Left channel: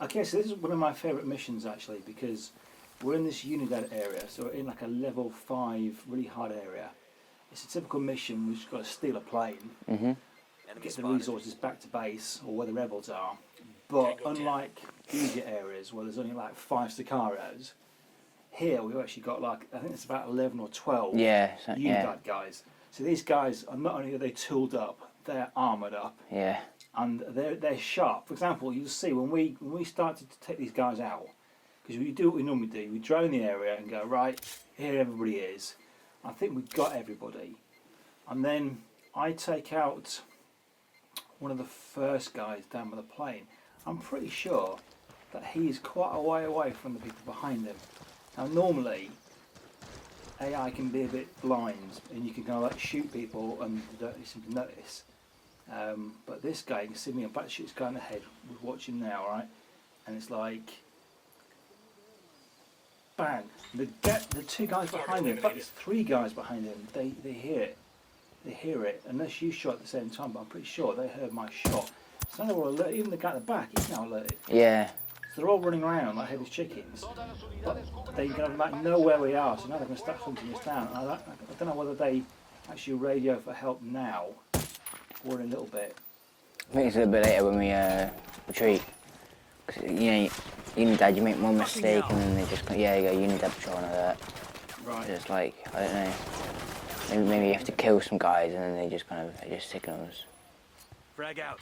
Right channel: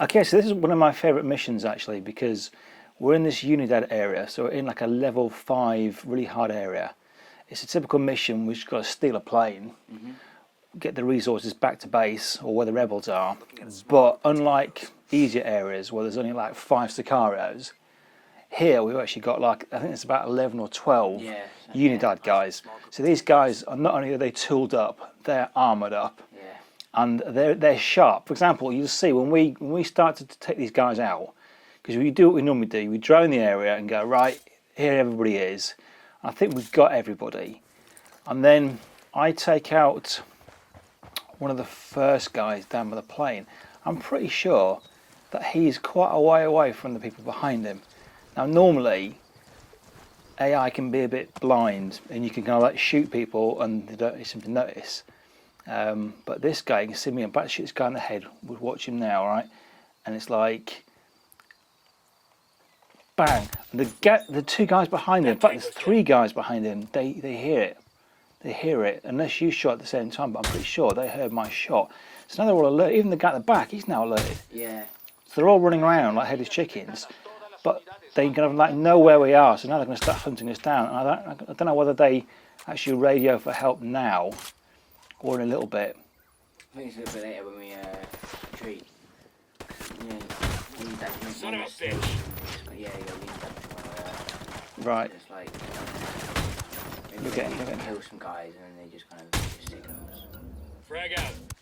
Okay, so this is one of my favourite missions actually, because we're in this Unidad area, so we're in like a level 5 really hard area. It's a typical mission. We've just got to steal a plane, get the resources back to base or where the rebels are. But unlike easier areas where there's only like 5 Sicarios, here we've actually got like, I think it's about 11 or 12 Unidad guys. So these guys are not only are they tooled up, they're armoured up. Yeah. And they're sharp. For example, you'll see when we started to take these guys out, because we do what we normally do, we drone the area and go, right, here everybody is. I think we've got everybody. And then I take out one of the first guys down by the plane. I'm pretty sure that he's quite a way away from the people behind him. Now normally, AI can be a bit blind and you can kind of like shoot people and they don't seem to notice. But this guy, you can see me, I'm about to shoot this guy in the head. We'll watch him now, right? And it's like, bang. And the 2 guys behind him, in fact, there's 3 guys behind him, they hear it. They hear it, unless you shot at the same time, but I'm pretty sure they heard my shot. So now they're all alert. Even the guy at the back, he's now alerted. Yeah. So they're all running around like headless chickens. But they kind of like know where we are, so now they're going to start hunting us down. And I don't know whether they actually radio for help now, or in a little bit. I think it's a little bit later when we retreat. Cause, you know, Unidad, you make one mistake and then they just go, yeah, you go Unidad patrol and all that. Right. Just like, I don't know, maybe you have to kill some guys and then they just kind of just signals. Frag out.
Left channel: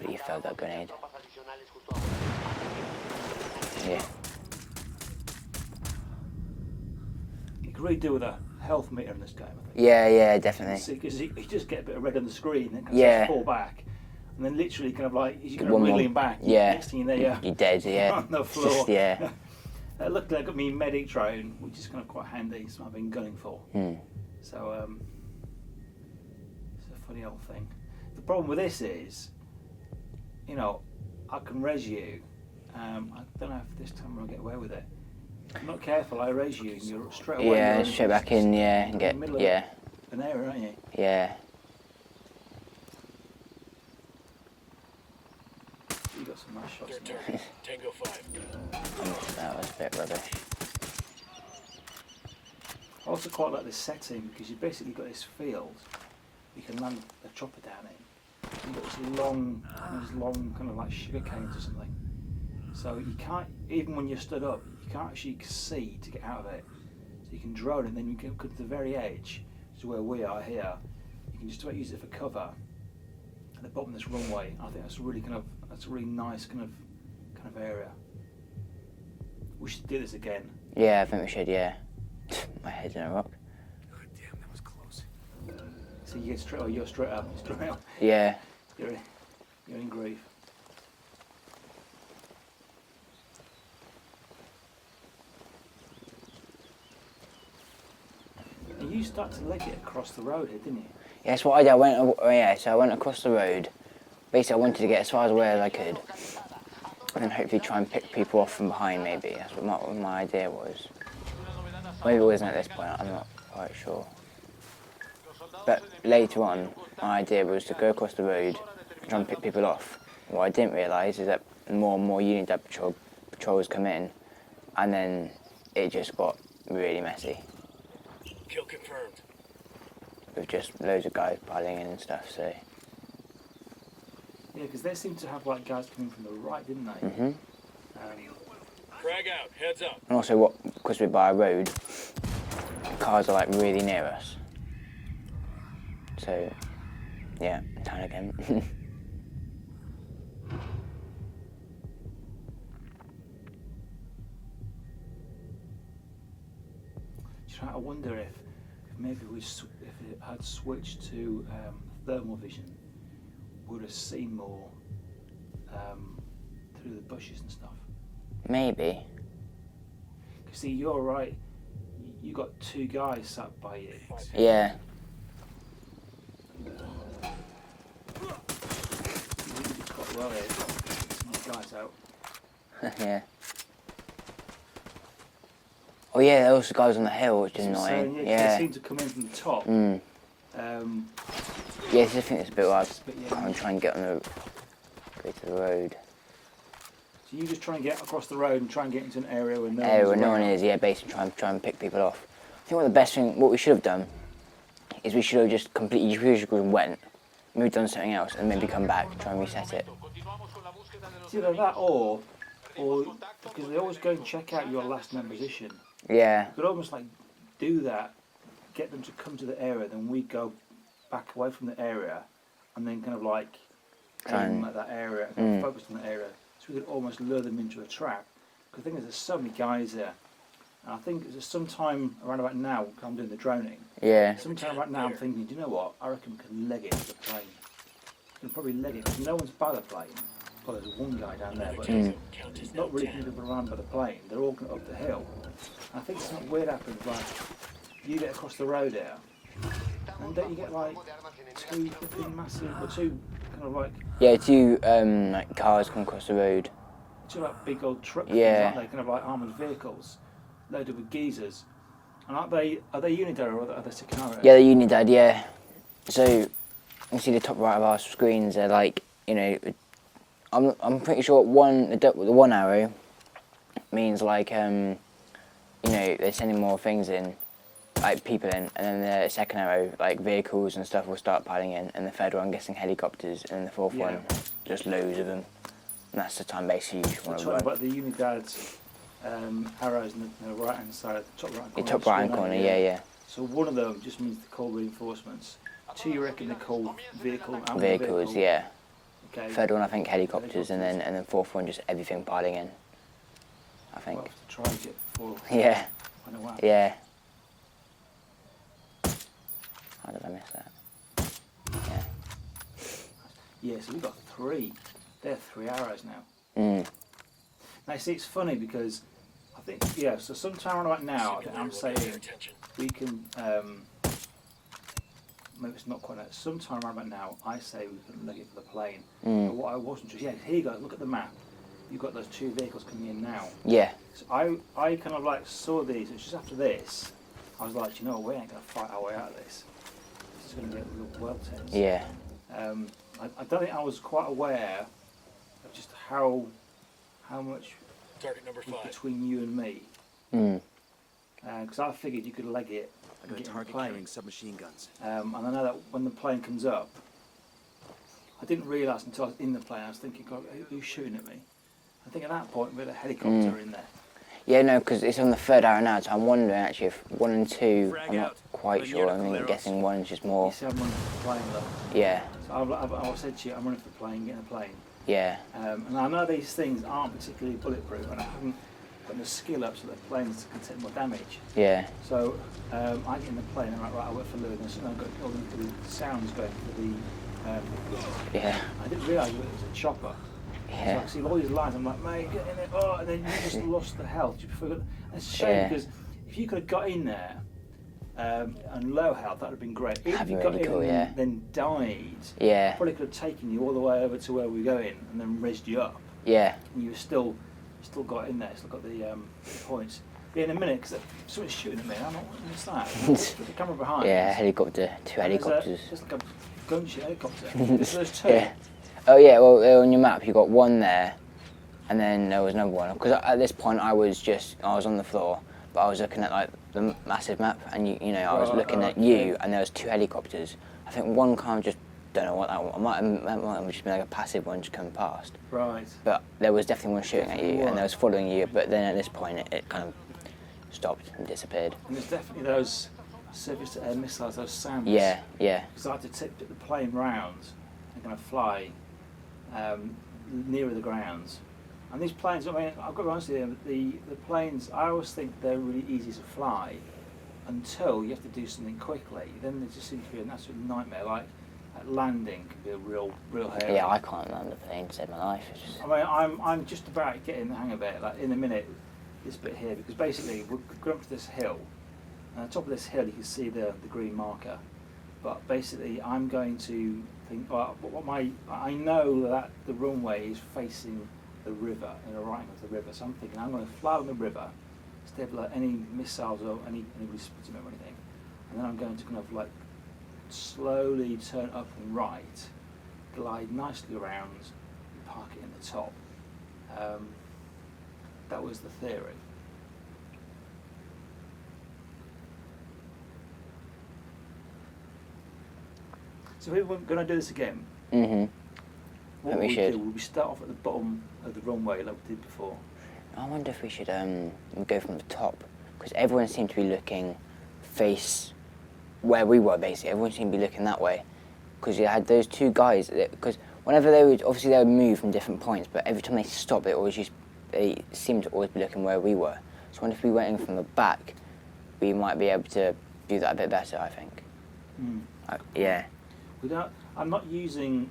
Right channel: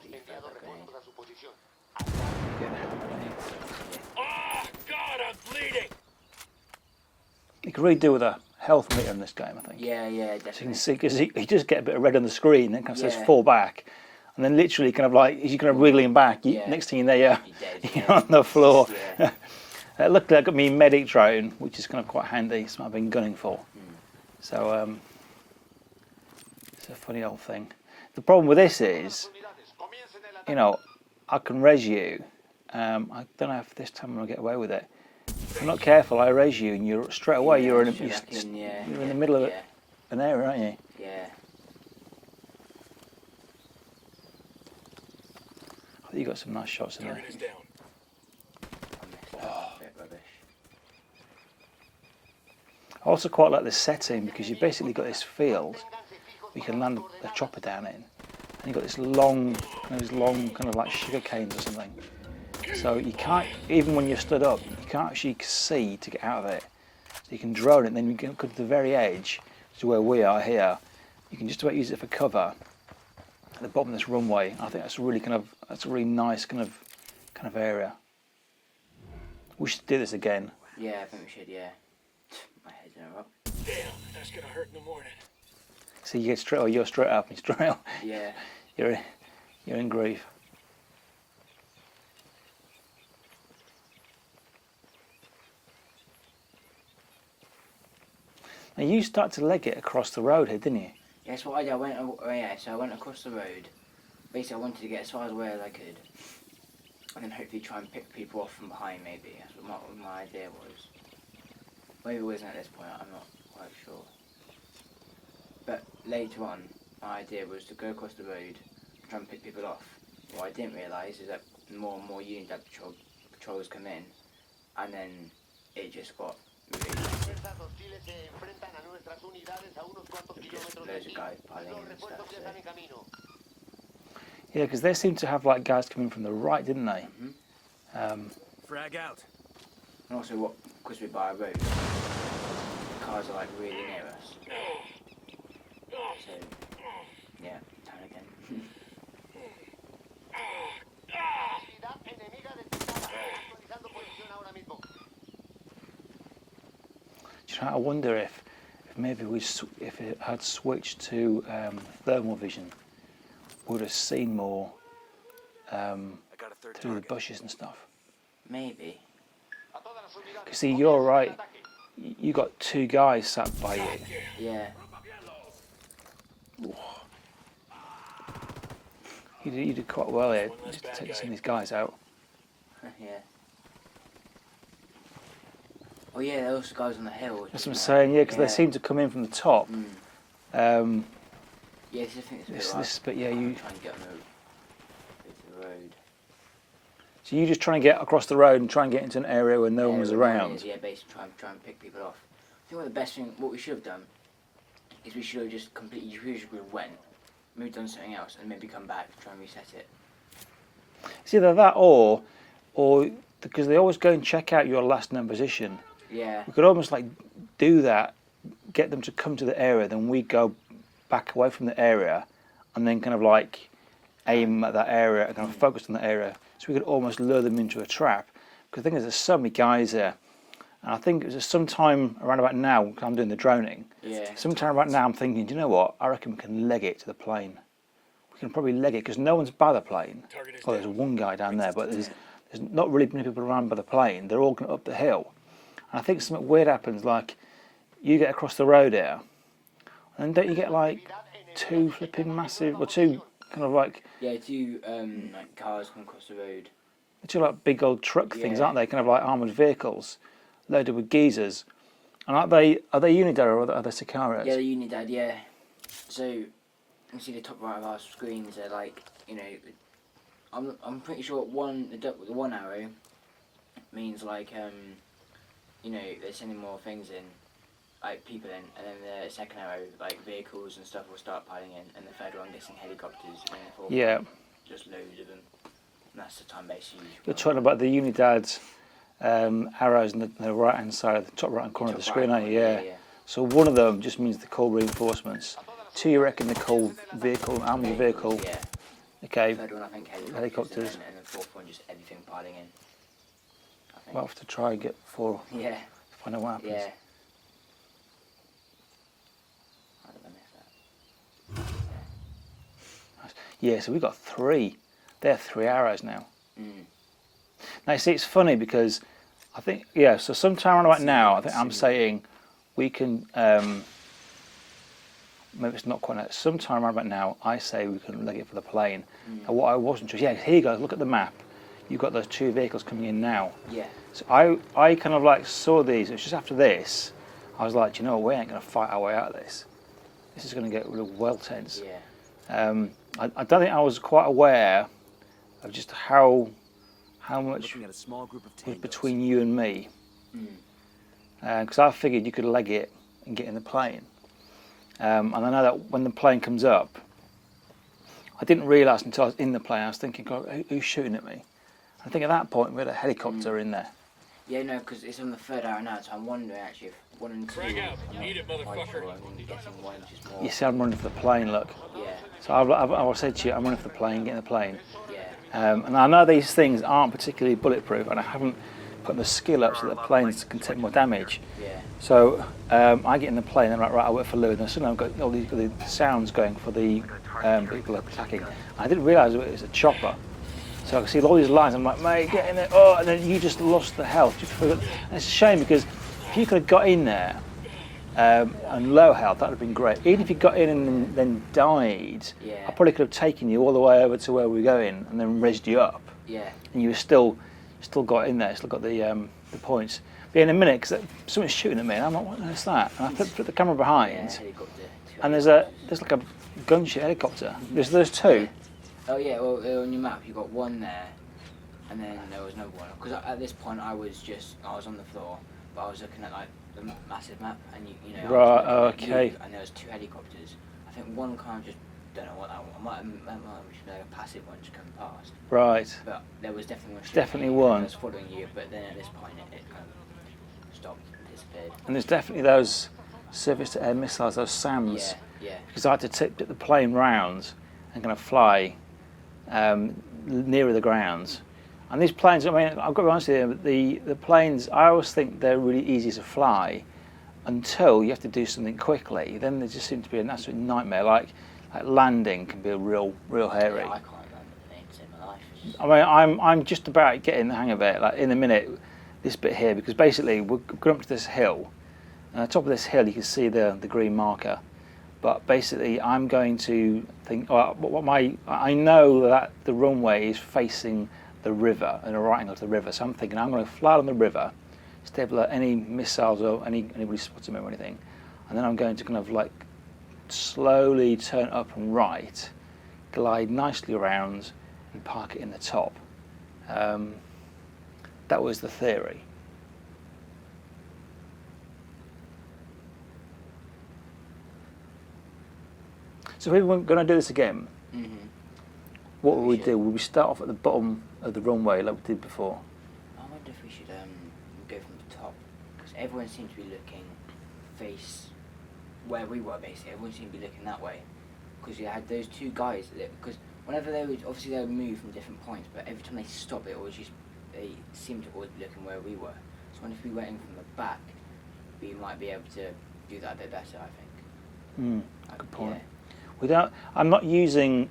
But you failed that grenade. Yeah. Oh, God, I'm bleeding. You can really do with a health meter in this game, I think. Yeah, definitely. Because you just get a bit of red on the screen and kind of says fall back. And then literally kind of like, as you're kind of wiggling back, next thing you know, you're dead, you're on the floor. Yeah. Luckily I got me medic drone, which is kind of quite handy, so I've been gunning for. So it's a funny old thing. The problem with this is, you know, I can res you. I don't know if this time I'm going to get away with it. If you're not careful, I res you and you're straight away you're in straight back in, you're in the middle of an area, aren't you? Yeah. You got some nice shots in there. Tango 5. That was a bit rubbish. I also quite like this setting because you've basically got this field you can land a chopper down in. And you've got this long kind of like sugar canes or something. So you can't, even when you're stood up, you can't actually see to get out of it. So you can drone it, and then you can go to the very edge, to where we are here. You can just about use it for cover at the bottom of this runway. I think that's really that's a really nice kind of area. We should do this again. Yeah, I think we should. Yeah. My head's in a rock. Damn, that's gonna hurt in the morning. So you get straight, or you're straight up, Yeah. You're in grief. Now you start to leg it across the road here, didn't you? Yeah, that's what I did. So I went across the road. Basically, I wanted to get as far away as I could, and then hopefully try and pick people off from behind. Maybe that's what my idea was. Maybe it wasn't at this point. I'm not quite sure. But later on, my idea was to go across the road and try and pick people off. What I didn't realise is that more and more Unidad patrols come in, and then it just got really messy. Kill confirmed. With just loads of guys piling in and stuff. So. Yeah, because they seemed to have like guys coming from the right, didn't they? Frag out. Heads up. And also, because we're by a road, cars are like really near us. So, yeah, down again. I wonder if maybe if it had switched to thermal vision, we would have seen more through the bushes and stuff. Maybe. See, you're right. You got 2 guys sat by you. Yeah. You did quite well here, getting these guys out. Yeah. Oh yeah, there was the guys on the hill, which is That's annoying. what I'm saying, yeah, because they seem to come in from the top. Yeah, I think it's a bit like but yeah, I'm trying to get on the go to the road. So you just try and get across the road and try and get into an area where no one's where no around. one is, yeah, basically try and pick people off. I think what we should have done is we should have just completely went, moved on to something else, and maybe come back, try and reset it. It's either that or because they always go and check out your last known position. Yeah. You could almost like do that, get them to come to the area, then we go back away from the area, and then kind of like aim at that area and kind of focus on the area. So we could almost lure them into a trap. Because the thing is, there's so many guys there. And I think it was sometime around about now, because I'm doing the droning. Yeah. Sometime right now, I'm thinking, do you know what? I reckon we can leg it to the plane. We can probably leg it because no one's by the plane. Well, there's one guy down there, but there's not really many people around by the plane. They're all going up the hill. And I think something weird happens, like you get across the road here, and don't you get like two flipping massive, or two kind of like Yeah, two like cars come across the road. two like big old truck things, Yeah. aren't they? Kind of like armoured vehicles, loaded with geezers. And are they Unidad or are they Sicarios? Yeah, the Unidad, yeah. So you see the top right of our screens. They're like, you know, I'm pretty sure the one arrow means like you know, they're sending more things in, like people in, and then the second arrow, like vehicles and stuff, will start piling in, and the third one, I'm guessing helicopters, and then the fourth one, just loads of them. And that's the time basically. We're talking about the Unidad's arrows on the right hand side of the top right hand corner of the screen. Yeah. So one of them just means they call reinforcements. Two, you reckon they call armoured vehicle. Yeah. Okay. Third one, I think helicopters. And then fourth one, just everything piling in. I think. We'll have to try and get four. Yeah. Find out what. Yeah. How did I miss that? Yeah. Yeah, so we've got three. They're 3 arrows now. Mm. Now, you see, it's funny because I think, yeah, so sometime around about now, I think I'm saying we can, maybe it's not quite now, sometime around about now, I say we can leg it for the plane. And what I wasn't sure, yeah, here you go, look at the map. You've got those two vehicles coming in now. Yeah. So I kind of like saw these, it was just after this, I was like, you know, we ain't going to fight our way out of this. This is going to get real well tense. Yeah. I don't think I was quite aware of just how much was between you and me. Because I figured you could leg it and get in the plane. And I know that when the plane comes up, I didn't realise until I was in the plane, I was thinking, God, who's shooting at me? I think at that point we had a helicopter in there. Yeah, no, because it's on the third arrow now, so I'm wondering actually if 1 and 2, I'm not quite sure. I mean, I'm guessing 1 is just more. You see, I'm running for the plane, look. Yeah. So I've said to you, I'm running for the plane, get in the plane. Yeah. And I know these things aren't particularly bulletproof, and I haven't put the skill up so that the planes can take more damage. Yeah. So I get in the plane, and I'm like, right, I wait for Lou, and suddenly I've got all the sounds going for the people attacking. Yeah. I didn't realise it was a chopper. Yeah. So I can see all these lines. I'm like, mate, get in there. Oh, and then you just lost the health. And it's a shame because if you could have got in there and low health, that would have been great. Even if you got in and then died, I probably could have taken you all the way over to where we were going and then rezzed you up. Yeah. And you were still got in there, still got the points. But in a minute, because someone's shooting at me, and I'm like, what's that? And I put the camera behind. Yeah, helicopter, two and helicopters. there's like a gunship helicopter. there's two. Yeah. Oh yeah, well on your map you got one there, and then there was another one. Because at this point I was on the floor, but I was looking at like the massive map, and you know I was looking at you, and there was two helicopters. I think one kind of just don't know what that one. That might have just been like a passive one just coming past. Right. But there was definitely one shooting at you, and it was following you. But then at this point it kind of stopped and disappeared. And there's definitely those surface-to-air missiles, those SAMs. Yeah, yeah. Because I had to tip the plane round and kind of fly nearer the grounds. And these planes, I mean, I've got to be honest with you, the planes, I always think they're really easy to fly until you have to do something quickly. Then they just seem to be an absolute nightmare. Like landing can be a real hairy. Yeah, I can't land a plane to save my life. I mean, I'm just about getting the hang of it. Like in a minute, this bit here, because basically we're going up to this hill, and on the top of this hill you can see the green marker. But basically, I'm going to think. I know that the runway is facing the river and a right angle to the river. So I'm thinking I'm going to fly on the river, stable at any missiles or anybody spots me or anything, and then I'm going to kind of like slowly turn up and right, glide nicely around, and park it in the top. That was the theory. So if we were going to do this again, what would we do? Would we start off at the bottom of the runway like we did before? I wonder if we should go from the top, because everyone seemed to be looking face where we were, basically. Everyone seemed to be looking that way, because you had those two guys, because whenever they would, obviously they would move from different points, but every time they stopped, they seemed to always be looking where we were. So I wonder if we went in from the back, we might be able to do that a bit better, I think. Yeah. I'm not using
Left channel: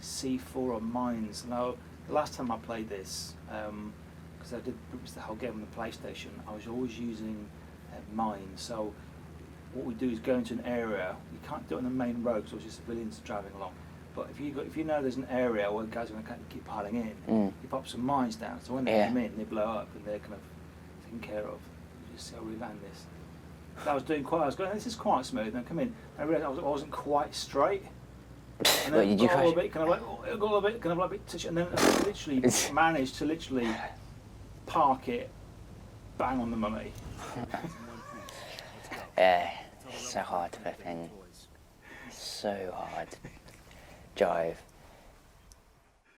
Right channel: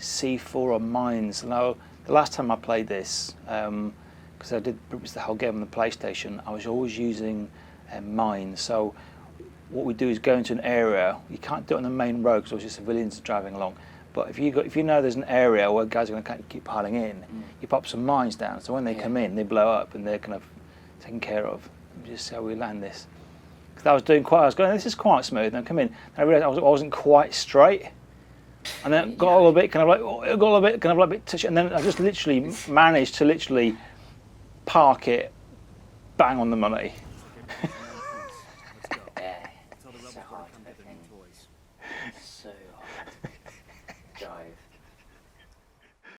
C4 or mines. Now, the last time I played this, because I did pretty much the whole game on the PlayStation, I was always using mines. So what we do is go into an area. You can't do it on the main road because obviously civilians are driving along. But if you know there's an area where guys are going to keep piling in, you pop some mines down. So when they come in, they blow up and they're kind of taken care of. Just see how we land this. I was going, this is quite smooth. And I come in, and I realised I wasn't quite straight. And then got all a bit, a bit touchy. And then I just literally managed to park it bang on the money. Yeah, it's so hard to fucking, so hard. Jive.